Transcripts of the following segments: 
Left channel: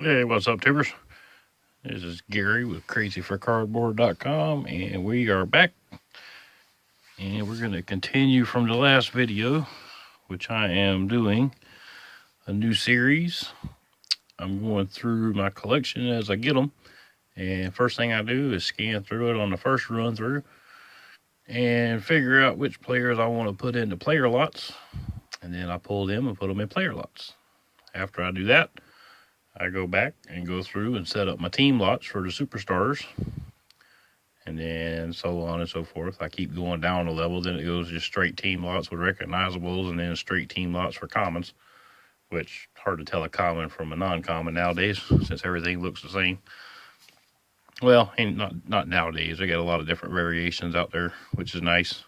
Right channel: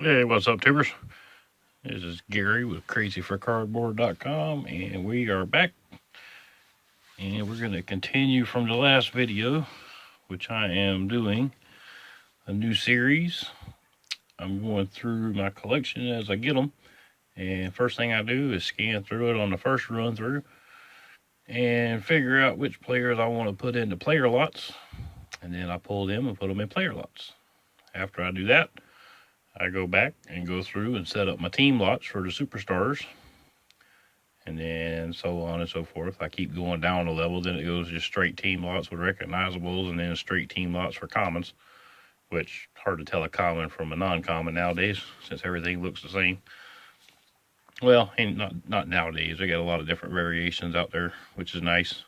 Hey, what's up, tubers? This is Gary with crazyforcardboard.com, and we are back. And we're going to continue from the last video, which I am doing a new series. I'm going through my collection as I get them. And first thing I do is scan through it on the first run through and figure out which players I want to put into player lots. And then I pull them and put them in player lots. After I do that, I go back and go through and set up my team lots for the superstars, and then so on and so forth. I keep going down a level, then it goes just straight team lots with recognizables, and then straight team lots for commons, which hard to tell a common from a non-common nowadays since everything looks the same. Well, and not nowadays. They got a lot of different variations out there, which is nice.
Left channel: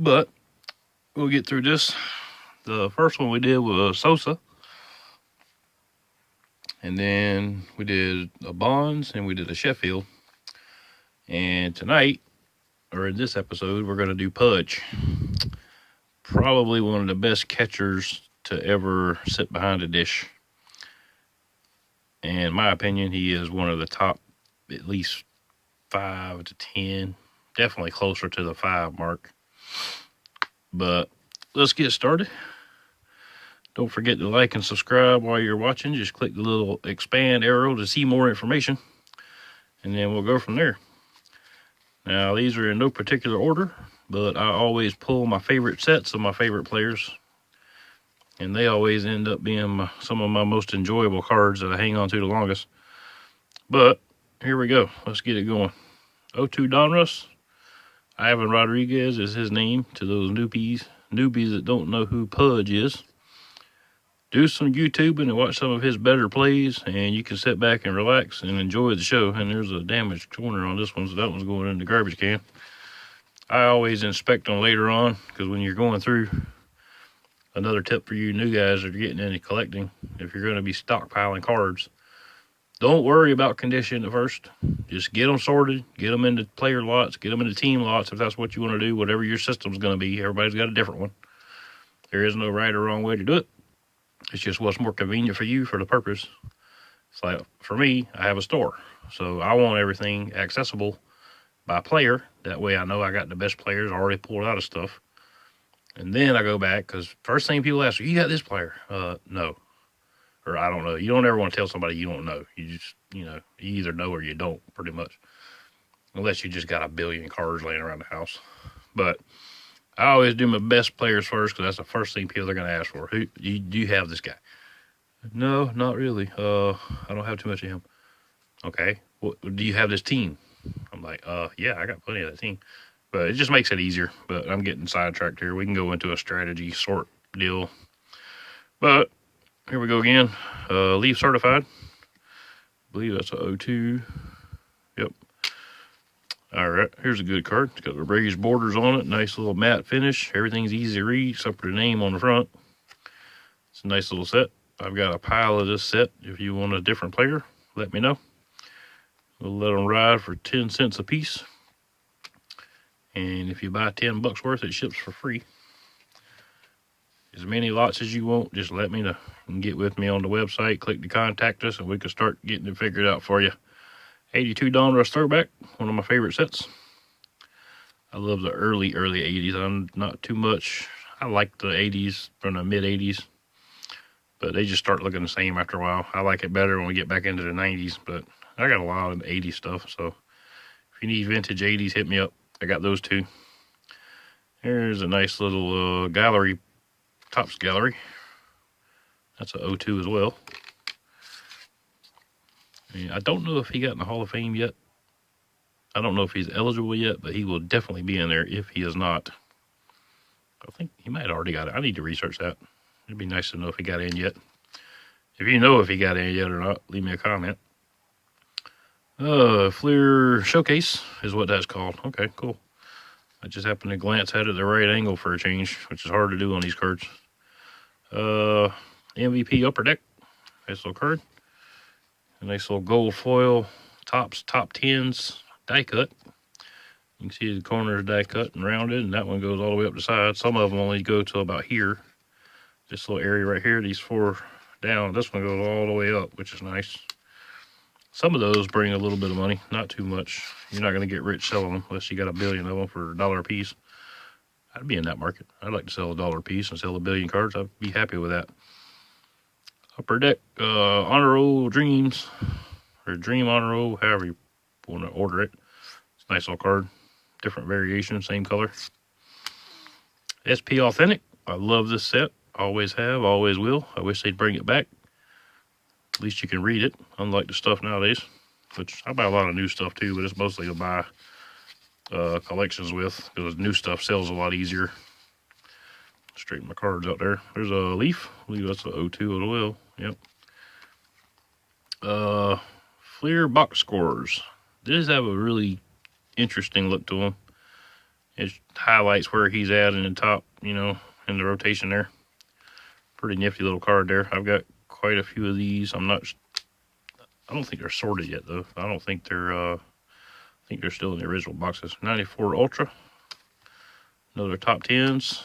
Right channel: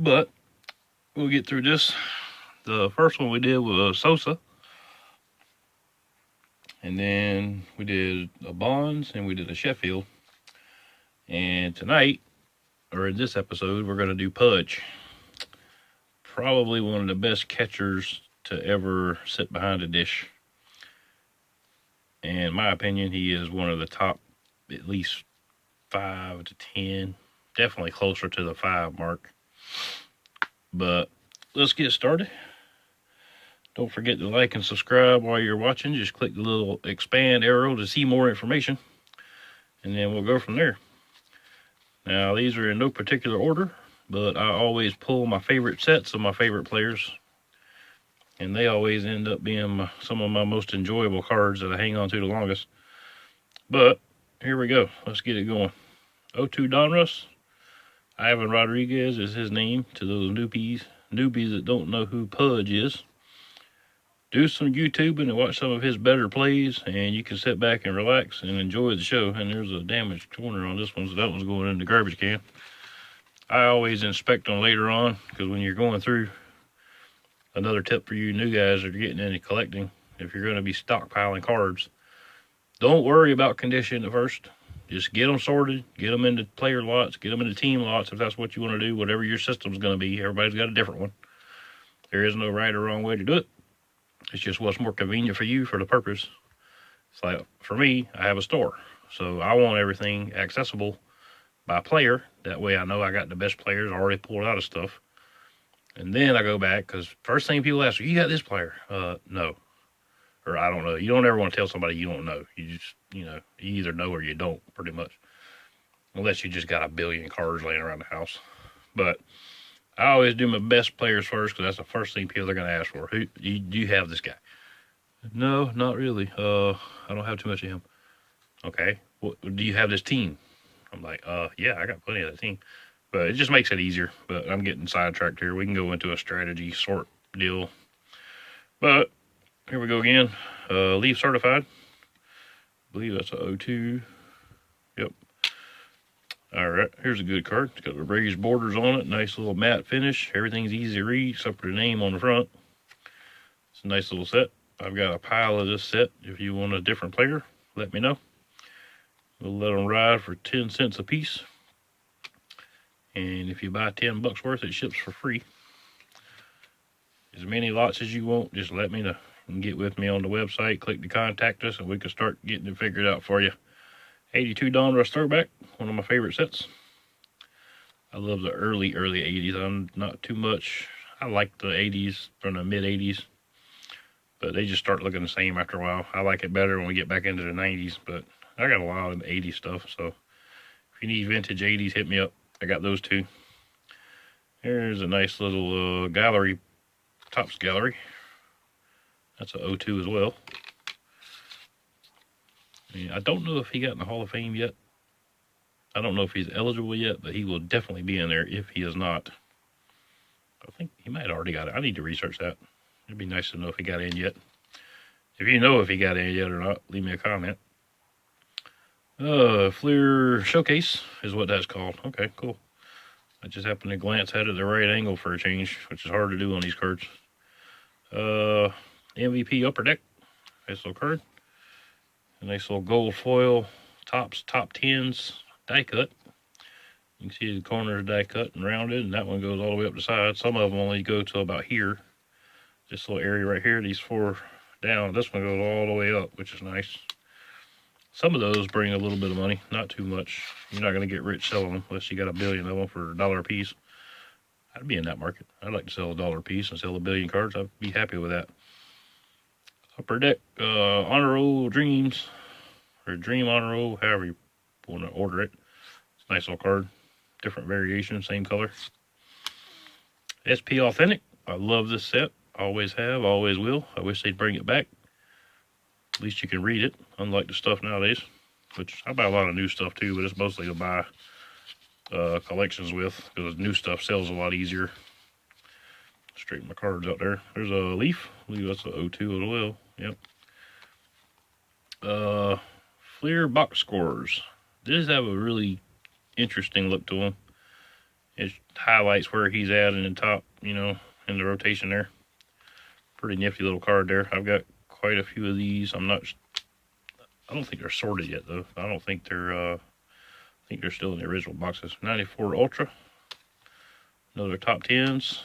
But we'll get through this. The first one we did was Sosa. And then we did a Bonds and we did a Sheffield. And tonight, or in this episode, we're going to do Pudge. Probably one of the best catchers to ever sit behind a dish. And in my opinion, he is one of the top, at least 5 to 10. Definitely closer to the 5 mark. But let's get started. Don't forget to like and subscribe while you're watching. Just click the little expand arrow to see more information. And then we'll go from there. Now, these are in no particular order, but I always pull my favorite sets of my favorite players. And they always end up being some of my most enjoyable cards that I hang on to the longest. But here we go. Let's get it going. 0-2 Donruss. Ivan Rodriguez is his name to those newbies that don't know who Pudge is. Do some YouTubing and watch some of his better plays, and you can sit back and relax and enjoy the show. And there's a damaged corner on this one, so that one's going in the garbage can. I always inspect them later on, because when you're going through, another tip for you new guys that are getting into collecting, if you're going to be stockpiling cards, don't worry about condition at first. Just get them sorted, get them into player lots, get them into team lots if that's what you want to do, whatever your system's going to be. Everybody's got a different one. There is no right or wrong way to do it. It's just what's more convenient for you for the purpose. It's like, for me, I have a store. So I want everything accessible by player. That way I know I got the best players already pulled out of stuff. And then I go back, because first thing people ask, you got this player? No. Or I don't know. You don't ever want to tell somebody you don't know. You just, you either know or you don't, pretty much. Unless you just got a billion cards laying around the house. But I always do my best players first, because that's the first thing people are going to ask for. Who do you have this guy? No, not really. I don't have too much of him. Okay. Well, do you have this team? I'm like, yeah, I got plenty of that team. But it just makes it easier. But I'm getting sidetracked here. We can go into a strategy sort deal. But here we go again. Leaf certified. I believe that's a 0-2. Yep. All right, here's a good card. It's got the raised borders on it. Nice little matte finish. Everything's easy to read except for the name on the front. It's a nice little set. I've got a pile of this set. If you want a different player, let me know. We'll let them ride for 10 cents a piece. And if you buy 10 bucks worth, it ships for free. As many lots as you want, just let me know. You can get with me on the website, click to contact us, and we can start getting it figured out for you. 82 Donruss Throwback, one of my favorite sets. I love the early 80s. I'm not too much. I like the 80s from the mid 80s, but they just start looking the same after a while. I like it better when we get back into the 90s, but I got a lot of 80s stuff, so if you need vintage 80s, hit me up. I got those too. Here's a nice little gallery, Topps gallery. That's a 0-2 as well. And I don't know if he got in the Hall of Fame yet. I don't know if he's eligible yet, but he will definitely be in there if he is not. I think he might have already got it. I need to research that. It'd be nice to know if he got in yet. If you know if he got in yet or not, leave me a comment. Fleer Showcase is what that's called. Okay, cool. I just happened to glance at it the right angle for a change, which is hard to do on these cards. MVP Upper Deck. Nice little card. A nice little gold foil. Topps top 10s die cut. You can see the corners die cut and rounded, and that one goes all the way up the side. Some of them only go to about here. This little area right here, these 4 down. This one goes all the way up, which is nice. Some of those bring a little bit of money, not too much. You're not going to get rich selling them unless you got 1 billion of them for $1 a piece. I'd be in that market. I'd like to sell $1 a piece and sell 1 billion cards. I'd be happy with that. Upper Deck Honor Roll Dreams, or Dream Honor Roll, however you want to order it. It's a nice little card. Different variation, same color. SP Authentic. I love this set. Always have, always will. I wish they'd bring it back. At least you can read it, unlike the stuff nowadays. Which I buy a lot of new stuff too, but it's mostly to buy collections with, because new stuff sells a lot easier. Straighten my cards out there. There's a Leaf. I believe that's a 02 as well. Yep. Fleer box scores. These have a really interesting look to them. It highlights where he's at in the top, you know, in the rotation there. Pretty nifty little card there. I've got quite a few of these. I don't think they're sorted yet though. I don't think they're I think they're still in the original boxes. 94 Ultra. Another top 10s.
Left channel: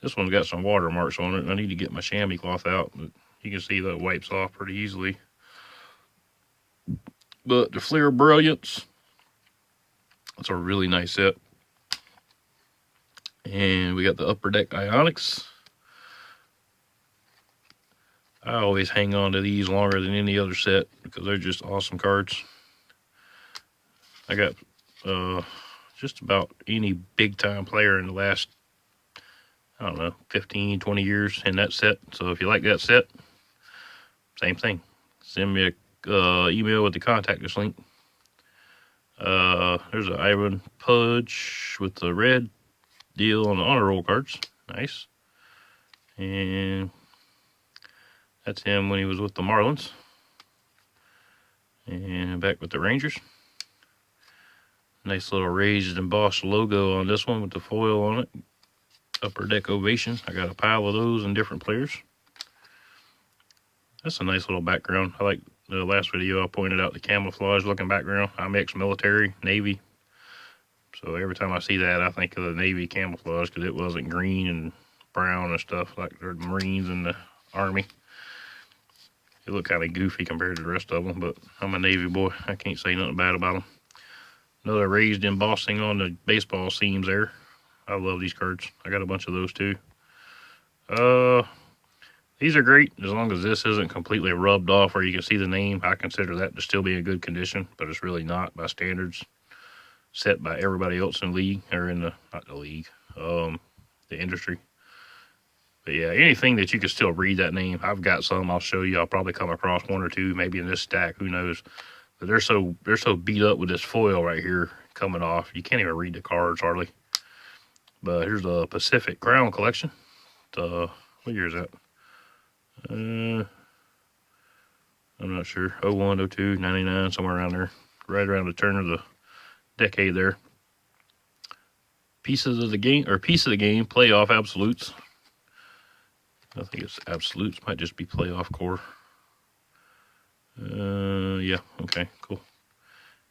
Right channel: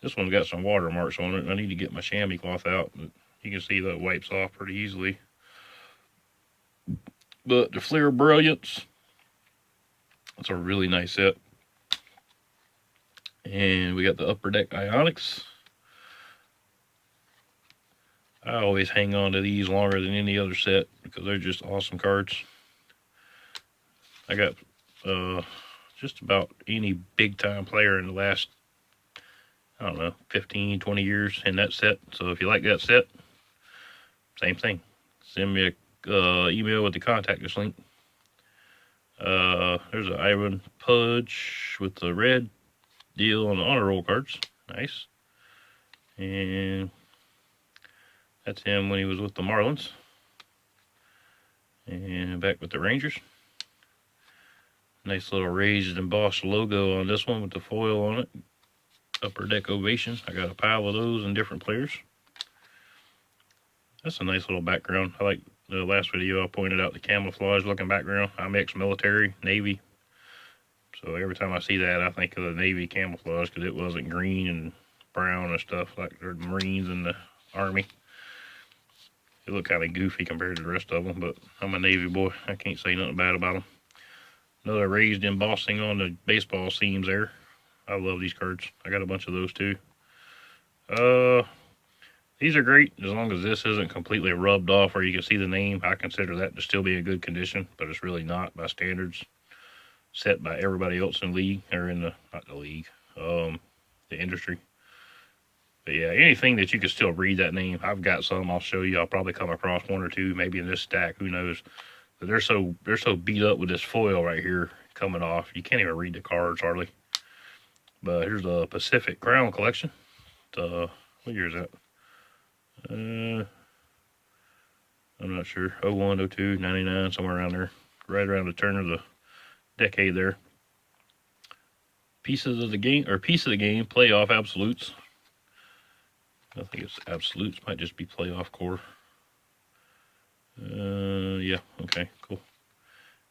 This one's got some watermarks on it. I need to get my chamois cloth out, but you can see that wipes off pretty easily. But the Fleer Brilliance, it's a really nice set. And we got the Upper Deck Ionics. I always hang on to these longer than any other set because they're just awesome cards. I got just about any big time player in the last, I don't know, 15, 20 years in that set. So if you like that set, same thing. Send me a email with the contact us link. There's an Ivan Pudge with the red deal on the honor roll cards. Nice. And that's him when he was with the Marlins. And back with the Rangers. Nice little raised embossed logo on this one with the foil on it. Upper Deck Ovation. I got a pile of those in different players. That's a nice little background. I like the last video I pointed out the camouflage looking background. I'm ex-military, Navy. So every time I see that, I think of the Navy camouflage because it wasn't green and brown and stuff like the Marines and the Army. It looked kind of goofy compared to the rest of them, but I'm a Navy boy. I can't say nothing bad about them. Another raised embossing on the baseball seams there. I love these cards. I got a bunch of those too. These are great as long as this isn't completely rubbed off where you can see the name. I consider that to still be in good condition, but it's really not by standards set by everybody else in the league, or in the, not the league, the industry. But yeah, anything that you can still read that name. I've got some, I'll show you. I'll probably come across one or two, maybe in this stack, who knows. But they're so beat up with this foil right here coming off. You can't even read the cards hardly. But here's the Pacific Crown Collection. What year is that? I'm not sure. 01, 02, 99, somewhere around there. Right around the turn of the decade there. Pieces of the game, or Piece of the Game, Playoff Absolutes. I think it's Absolutes, might just be Playoff Core. Yeah, okay, cool.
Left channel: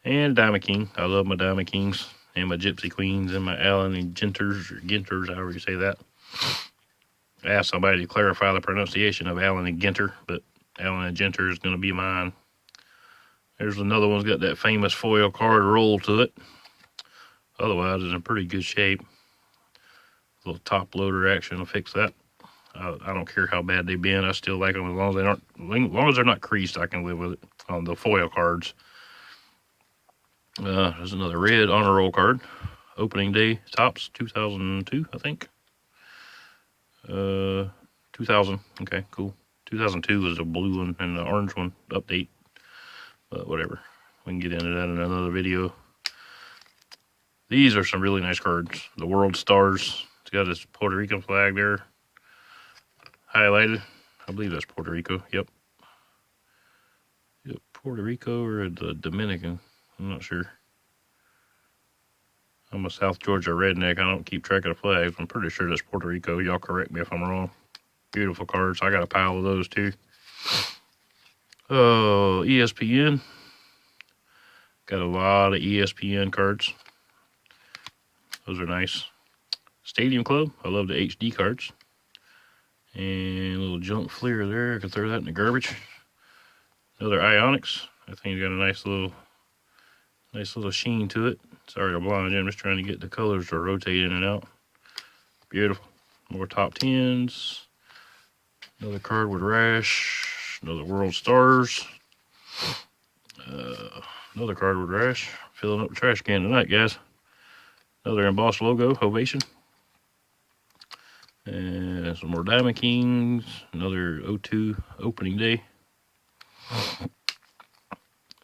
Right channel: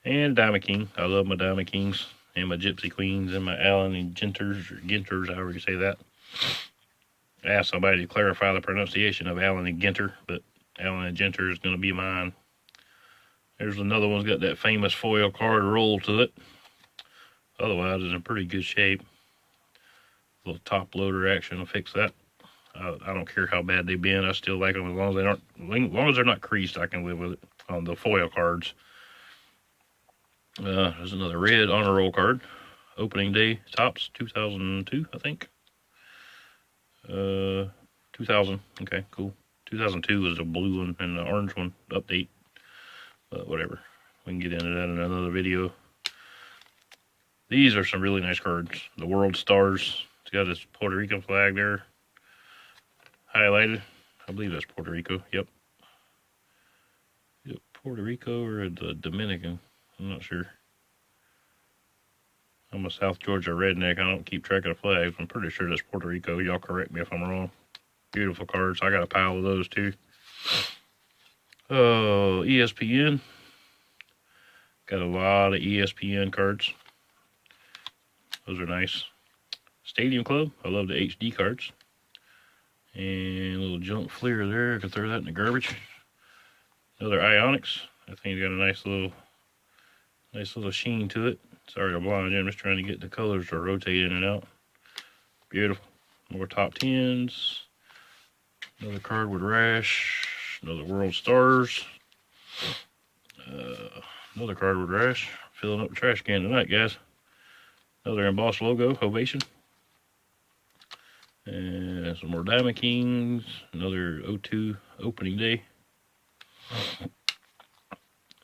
And Diamond King. I love my Diamond Kings and my Gypsy Queens and my Allen and Ginters, or Ginters, however you say that. I asked somebody to clarify the pronunciation of Allen and Ginter, but Allen and Ginter is going to be mine. There's another one's got that famous foil card roll to it. Otherwise, it's in pretty good shape. A little top loader action will fix that. I don't care how bad they've been. I still like them as long as they're not creased. I can live with it on the foil cards. There's another red honor roll card. Opening day tops 2002, I think. 2000. Okay, cool. 2002 was the blue one and the orange one update. But whatever. We can get into that in another video. These are some really nice cards. The World Stars. It's got this Puerto Rican flag there. Highlighted. I believe that's Puerto Rico. Yep. Puerto Rico or the Dominican. I'm not sure. I'm a South Georgia redneck. I don't keep track of the flags. I'm pretty sure that's Puerto Rico. Y'all correct me if I'm wrong. Beautiful cards. I got a pile of those too. ESPN. Got a lot of ESPN cards. Those are nice. Stadium Club. I love the HD cards. And a little junk Fleer there. I could throw that in the garbage. Another Ionics. That thing's got a nice little sheen to it. Sorry to blind you. I'm just trying to get the colors to rotate in and out. Beautiful. More top 10s. Another card with Rash. Another World Stars. Another card with Rash. Filling up the trash can tonight, guys. Another embossed logo, Ovation. And some more Diamond Kings. Another O2 opening day.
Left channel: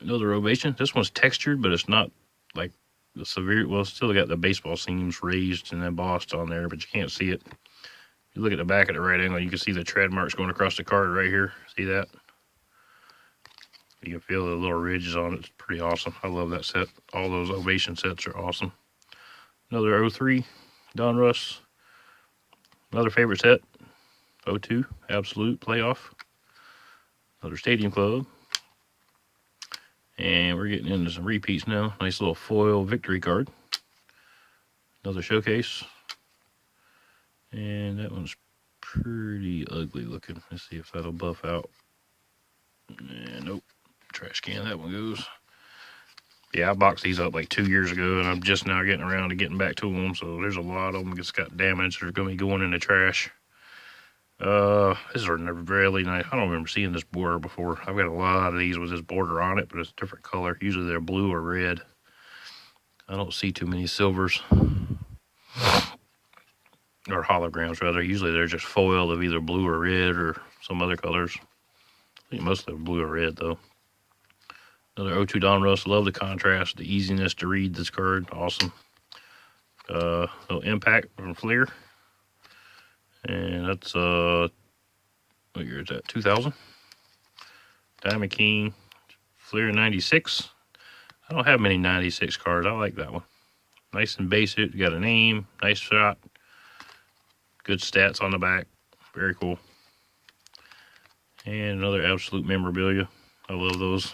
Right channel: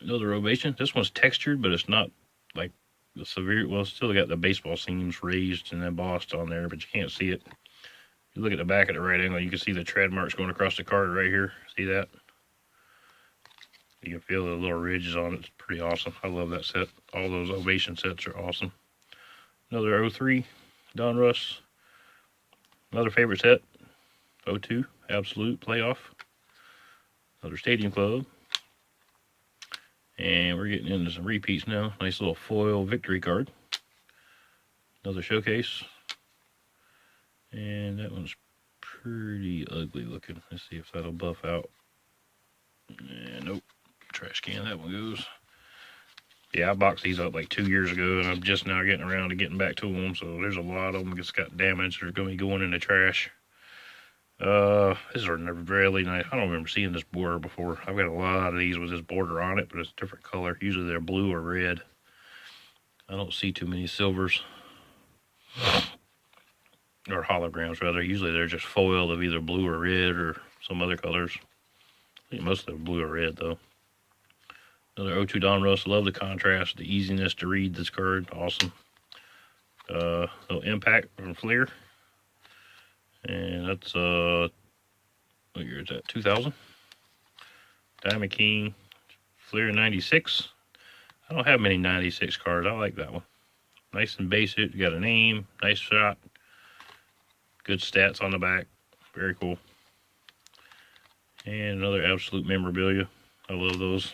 Another Ovation. This one's textured, but it's not like the severe. Well, it's still got the baseball seams raised and embossed on there, but you can't see it. You look at the back at the right angle, you can see the tread marks going across the card right here. See that? You can feel the little ridges on it. It's pretty awesome. I love that set. All those Ovation sets are awesome. Another 03 Donruss. Another favorite set. 02 Absolute Playoff. Another Stadium Club. And we're getting into some repeats now. Nice little foil victory card. Another Showcase. And that one's pretty ugly looking. Let's see if that'll buff out. Nope. Trash can, that one goes. Yeah, I boxed these up like 2 years ago, and I'm just now getting around to getting back to them. So there's a lot of them that's got damage. They're going to be going in the trash. These are really nice. I don't remember seeing this border before. I've got a lot of these with this border on it, but it's a different color. Usually they're blue or red. I don't see too many silvers. Or holograms, rather. Usually they're just foil of either blue or red or some other colors. I think mostly blue or red, though. Another 02 Donruss. Love the contrast, the easiness to read this card. Awesome. Little Impact from Fleer. And that's, what year is that? 2000. Diamond King. Fleer 96. I don't have many 96 cards. I like that one. Nice and basic. Got a name. Nice shot. Good stats on the back. Very cool. And another Absolute Memorabilia. I love those.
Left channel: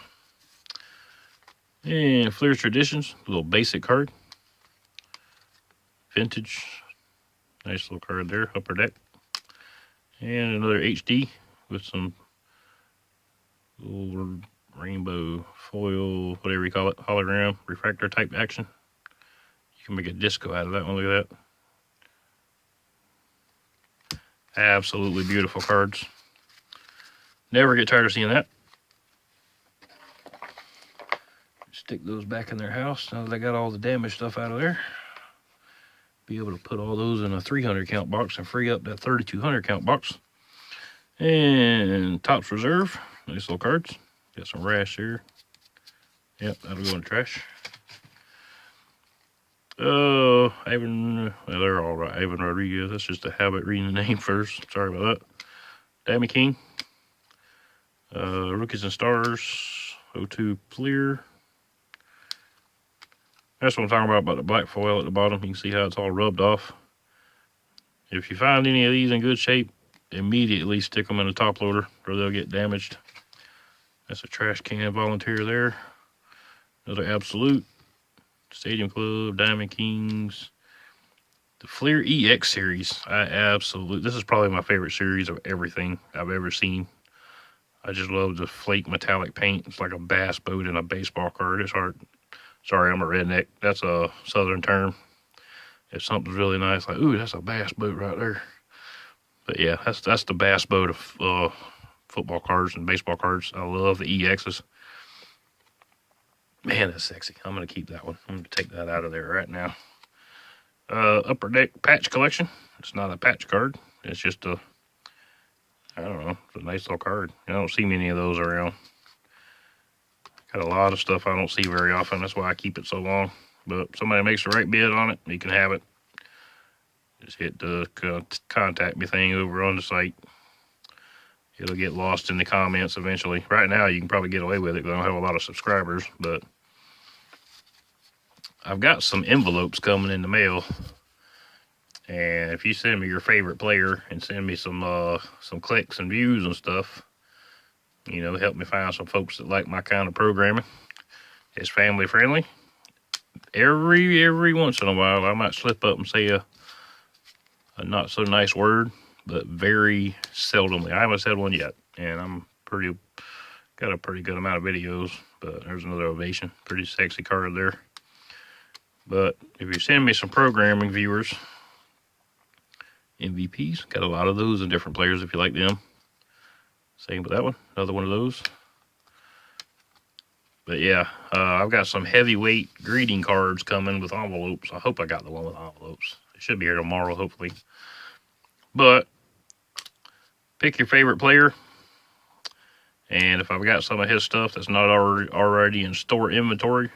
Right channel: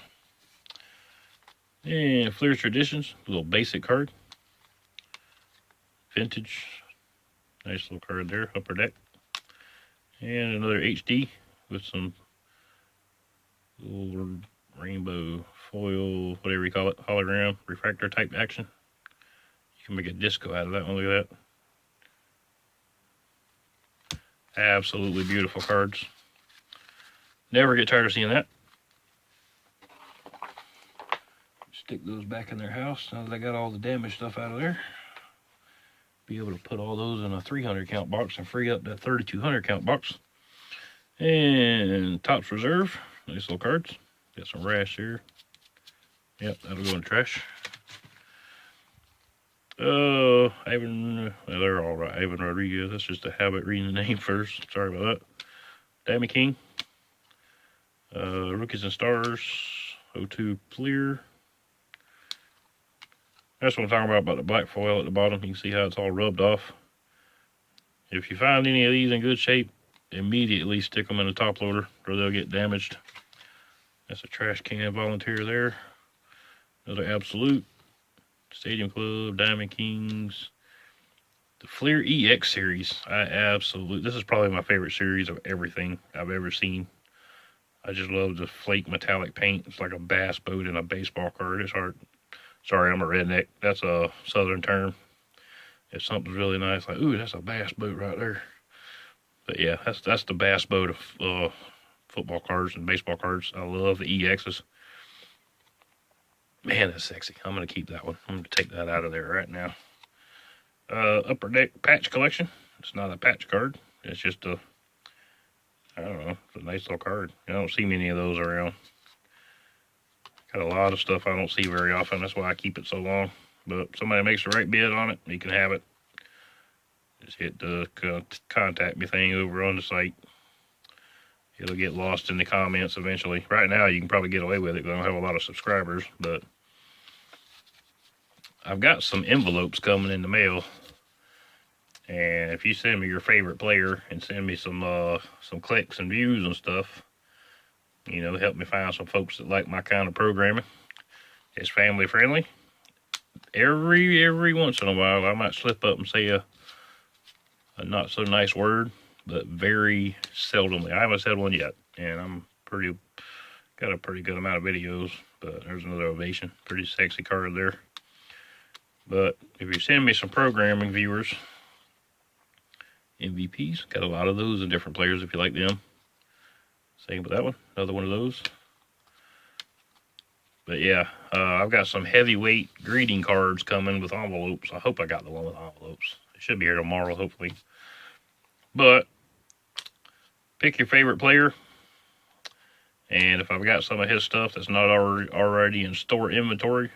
And Fleer Traditions. A little basic card. Vintage. Nice little card there. Upper Deck. And another HD with some little rainbow foil, whatever you call it, hologram, refractor type action. You can make a disco out of that one. Look at that. Absolutely beautiful cards. Never get tired of seeing that. Stick those back in their house now that I got all the damaged stuff out of there. Be able to put all those in a 300 count box and free up that 3200 count box. And Topps Reserve. Nice little cards. Got some Rash here. Yep, that'll go in the trash. Oh, Ivan, well, they're all right. Ivan Rodriguez. That's just a habit reading the name first. Sorry about that. Diamond King. Rookies and Stars. 02 Fleer. That's what I'm talking about the black foil at the bottom. You can see how it's all rubbed off. If you find any of these in good shape, immediately stick them in a top loader or they'll get damaged. That's a trash can volunteer there. Another Absolute. Stadium Club, Diamond Kings. The Fleer EX series. This is probably my favorite series of everything I've ever seen. I just love the flake metallic paint. It's like a bass boat in a baseball card. It's hard. Sorry, I'm a redneck. That's a southern term. If something's really nice, like, ooh, that's a bass boat right there. But yeah, that's the bass boat of football cards and baseball cards. I love the EXs. Man, that's sexy. I'm going to keep that one. I'm going to take that out of there right now. Upper Deck patch collection. It's not a patch card. It's just a, I don't know, it's a nice little card. I don't see many of those around. Got a lot of stuff I don't see very often. That's why I keep it so long. But if somebody makes the right bid on it, you can have it. Just hit the contact me thing over on the site. It'll get lost in the comments eventually. Right now, you can probably get away with it because I don't have a lot of subscribers. But I've got some envelopes coming in the mail. And if you send me your favorite player and send me some clicks and views and stuff, you know, help me find some folks that like my kind of programming. It's family friendly. Every once in a while, I might slip up and say a not so nice word, but very seldomly. I haven't said one yet, and I'm got a pretty good amount of videos. But there's another Ovation, pretty sexy card there. But if you send me some programming viewers, MVPs, got a lot of those and different players if you like them. Same with that one, another one of those. But yeah, I've got some heavyweight greeting cards coming with envelopes. I hope I got the one with envelopes. It should be here tomorrow, hopefully. But pick your favorite player. And if I've got some of his stuff that's not already in store inventory,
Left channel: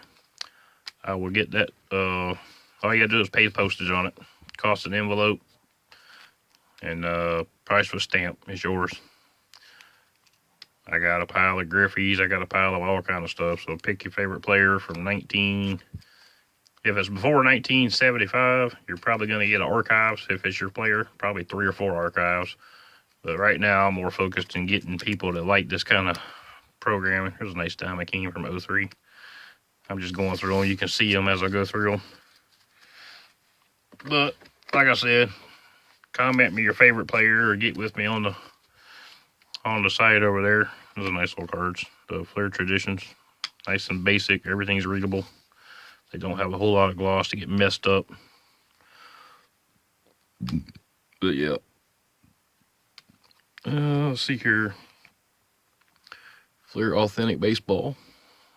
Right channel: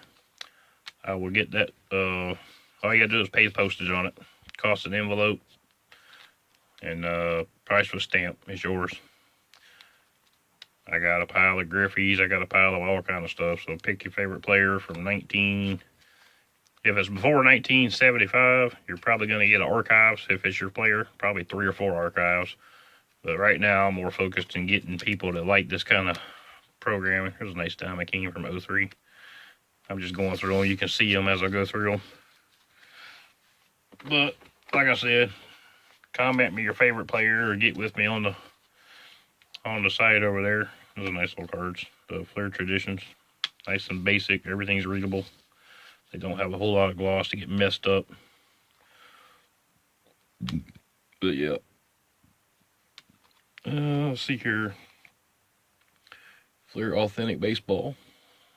I will get that. All you gotta do is pay postage on it. Cost an envelope. And price with stamp is yours. I got a pile of Griffies. I got a pile of all kind of stuff. So pick your favorite player from if it's before 1975, you're probably going to get archives. If it's your player, probably 3 or 4 archives. But right now, I'm more focused on getting people that like this kind of programming. Here's a nice Diamond King from 03. I'm just going through them. You can see them as I go through them. But like I said, comment me your favorite player or get with me on the site over there. Those are nice little cards. The Flair Traditions. Nice and basic. Everything's readable. They don't have a whole lot of gloss to get messed up. But yeah. Let's see here. Flair Authentic Baseball.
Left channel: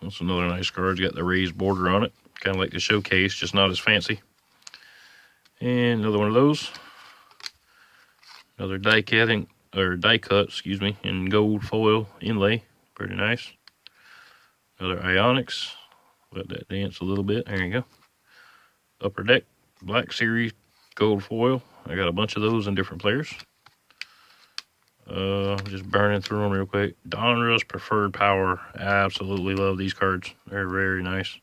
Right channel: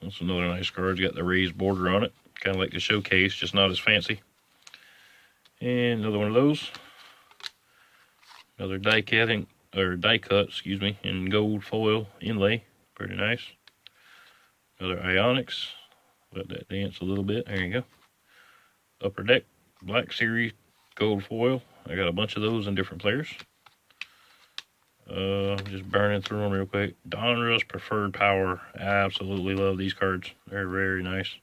That's another nice card. It's got the raised border on it. Kind of like the Showcase, just not as fancy. And another one of those. Another die cut, in gold foil inlay. Pretty nice. Another Ionics. Let that dance a little bit. There you go. Upper Deck Black Series gold foil. I got a bunch of those in different players. Just burning through them real quick. Donruss Preferred Power. I absolutely love these cards. They're very nice.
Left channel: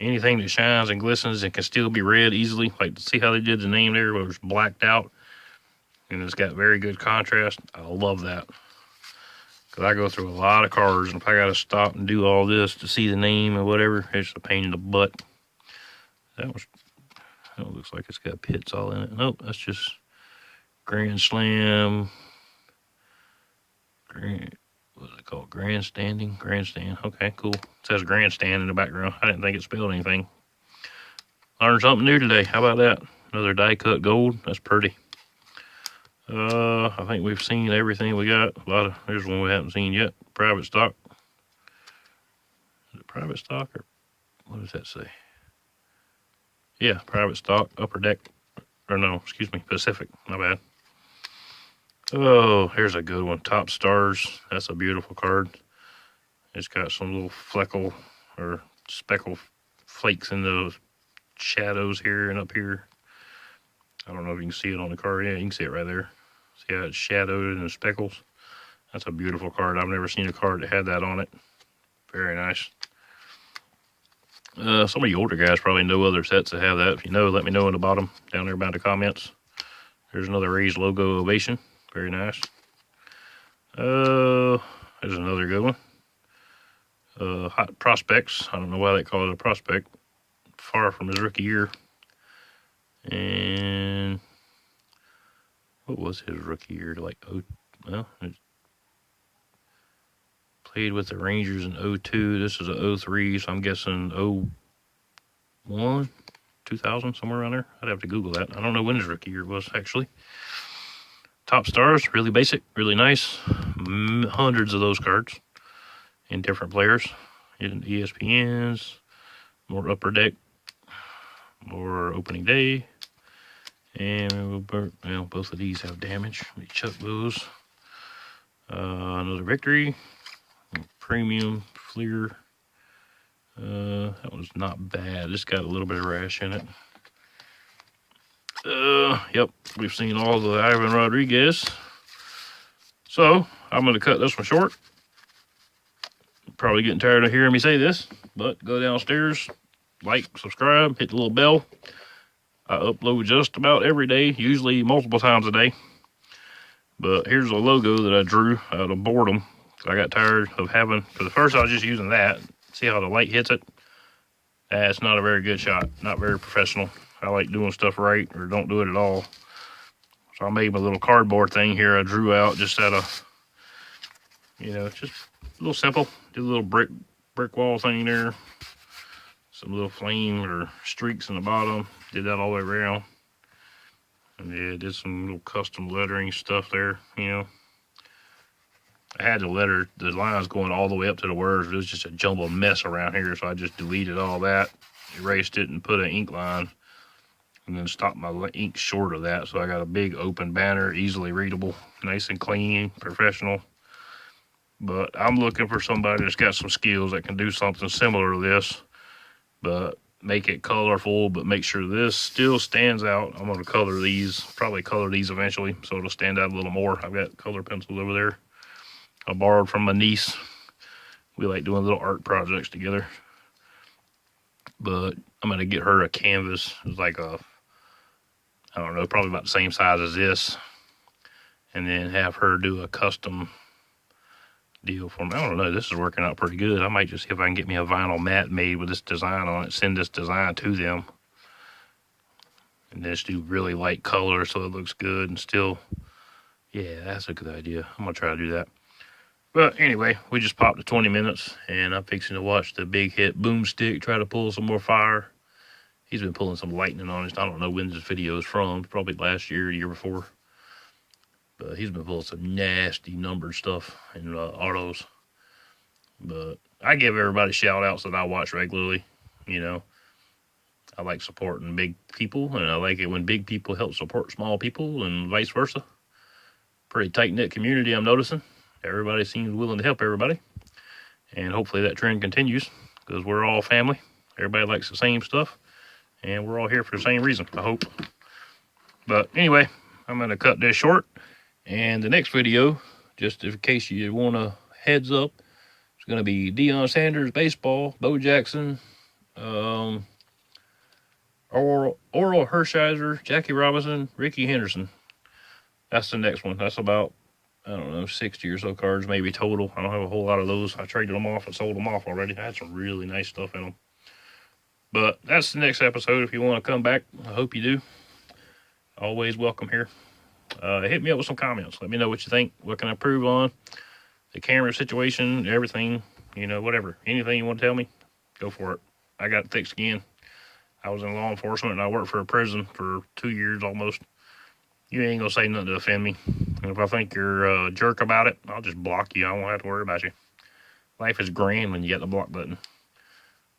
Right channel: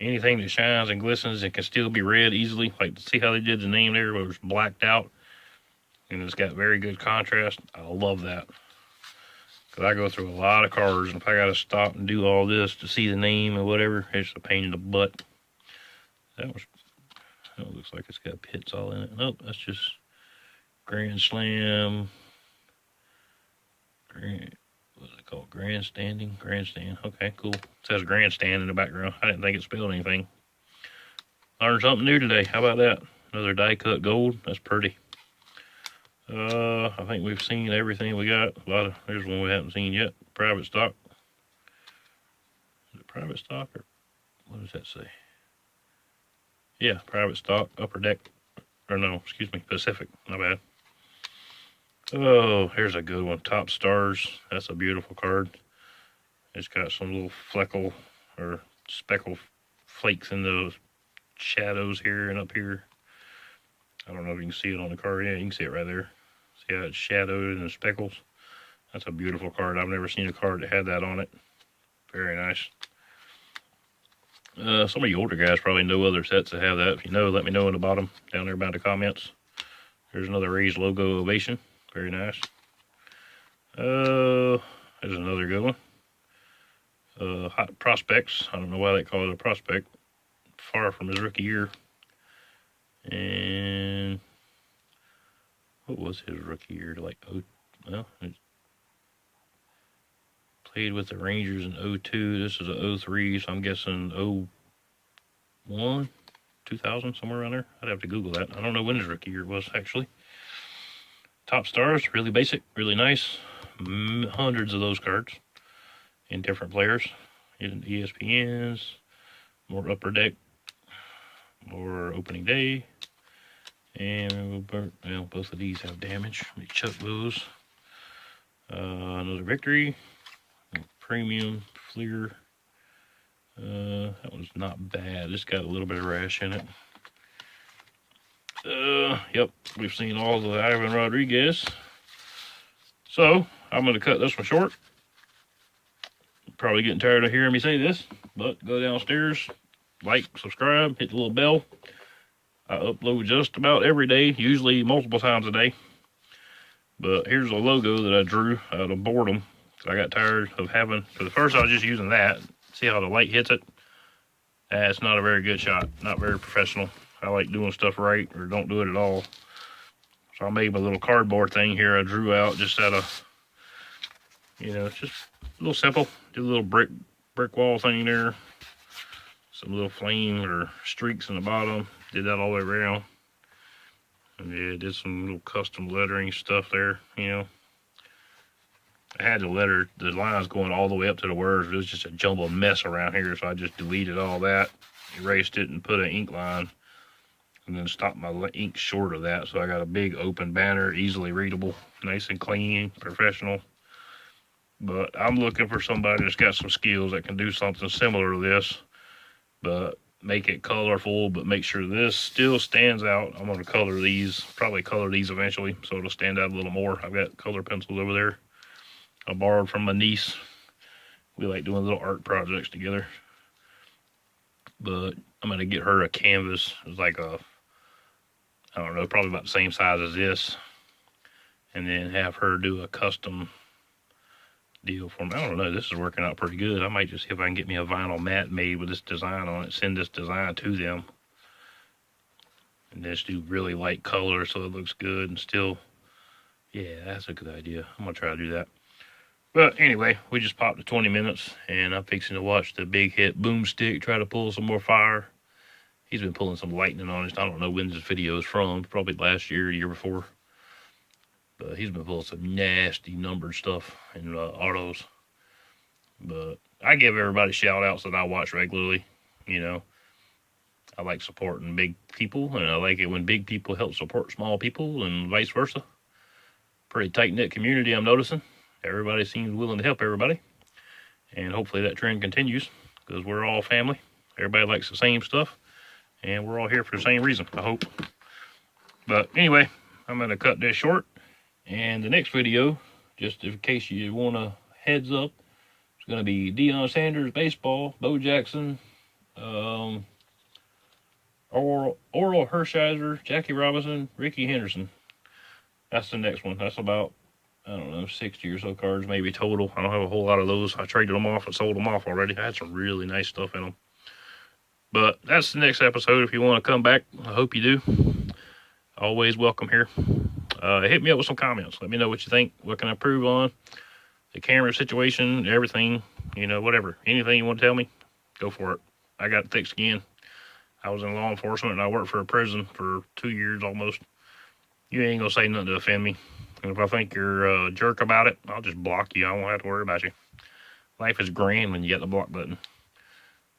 Anything that shines and glistens and can still be read easily. Like, see how they did the name there where it was blacked out? And it's got very good contrast. I love that. Because I go through a lot of cards, and if I got to stop and do all this to see the name or whatever, it's a pain in the butt. That looks like it's got pits all in it. Nope, that's just Grand Slam. What is it called? Grandstanding? Grandstand. Okay, cool. It says Grandstand in the background. I didn't think it spelled anything. Learned something new today. How about that? Another die cut gold. That's pretty. I think we've seen everything we got. There's one we haven't seen yet. Private stock. Is it private stock or what does that say? Yeah, private stock, Upper Deck. Or no, excuse me, Pacific. My bad. Oh, here's a good one. Top Stars. That's a beautiful card. It's got some little fleckle or speckle flakes in the shadows here and up here. I don't know if you can see it on the card. Yeah, you can see it right there. See how it's shadowed in the speckles? That's a beautiful card. I've never seen a card that had that on it. Very nice. Some of you older guys probably know other sets that have that. If you know, let me know in the bottom down there by the comments. There's another Rays logo Ovation. Very nice. There's another good one. Hot Prospects. I don't know why they call it a prospect. Far from his rookie year. And what was his rookie year? Played with the Rangers in 02. This is a 03, so I'm guessing 01, 2000, somewhere around there. I'd have to Google that. I don't know when his rookie year was, actually. Top Stars, really basic, really nice. Hundreds of those cards in different players. ESPNs, more Upper Deck, more Opening Day. And both of these have damage. Let me chuck those. Another Victory. Premium Fleer. That one's not bad. It's got a little bit of rash in it. Yep, we've seen all the Ivan Rodriguez. So, I'm going to cut this one short. Probably getting tired of hearing me say this, but go downstairs, like, subscribe, hit the little bell. I upload just about every day, usually multiple times a day. But here's a logo that I drew out of boredom. I got tired of having, because at first I was just using that. See how the light hits it? It's not a very good shot, not very professional. I like doing stuff right or don't do it at all. So I made my little cardboard thing here. I drew out just out of, you know, just a little simple. Did a little brick wall thing there. Some little flame or streaks in the bottom. Did that all the way around. And yeah, did some little custom lettering stuff there, you know. I had the lines going all the way up to the words. It was just a jumbled mess around here, so I just deleted all that, erased it, and put an ink line, and then stopped my ink short of that. So I got a big open banner, easily readable, nice and clean, professional. But I'm looking for somebody that's got some skills that can do something similar to this, but make it colorful, but make sure this still stands out. I'm going to color these, probably color these eventually, so it'll stand out a little more. I've got color pencils over there I borrowed from my niece. We like doing little art projects together. But I'm going to get her a canvas. It's like a, I don't know, probably about the same size as this. And then have her do a custom deal for me. I don't know, this is working out pretty good. I might just see if I can get me a vinyl mat made with this design on it, send this design to them. And just do really light color so it looks good and still, yeah, that's a good idea. I'm going to try to do that. But anyway, we just popped to 20 minutes, and I'm fixing to watch the big hit Boomstick try to pull some more fire. He's been pulling some lightning on it. I don't know when this video is from. Probably last year, the year before. But he's been pulling some nasty numbered stuff in autos. But I give everybody shout-outs that I watch regularly. You know, I like supporting big people, and I like it when big people help support small people, and vice versa. Pretty tight-knit community, I'm noticing. Everybody seems willing to help everybody. And hopefully that trend continues, because we're all family. Everybody likes the same stuff. And we're all here for the same reason, I hope. But anyway, I'm going to cut this short. And the next video, just in case you want a heads up, it's going to be Deion Sanders baseball, Bo Jackson, Oral Hershiser, Jackie Robinson, Ricky Henderson. That's the next one. That's about, I don't know, 60 or so cards maybe total. I don't have a whole lot of those. I traded them off and sold them off already. I had some really nice stuff in them. But that's the next episode. If you want to come back, I hope you do. Always welcome here. Hit me up with some comments. Let me know what you think. What can I improve on? The camera situation, everything, you know, whatever. Anything you want to tell me, go for it. I got thick skin. I was in law enforcement, and I worked for a prison for 2 years almost. You ain't going to say nothing to offend me. And if I think you're a jerk about it, I'll just block you. I won't have to worry about you. Life is grand when you get the block button.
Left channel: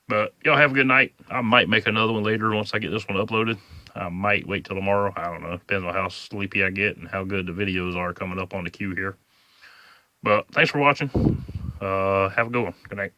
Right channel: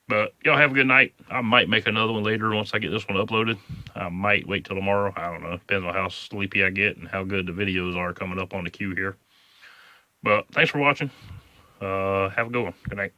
But y'all have a good night. I might make another one later once I get this one uploaded. I might wait till tomorrow. I don't know. Depends on how sleepy I get and how good the videos are coming up on the queue here. But thanks for watching. Have a good one. Good night.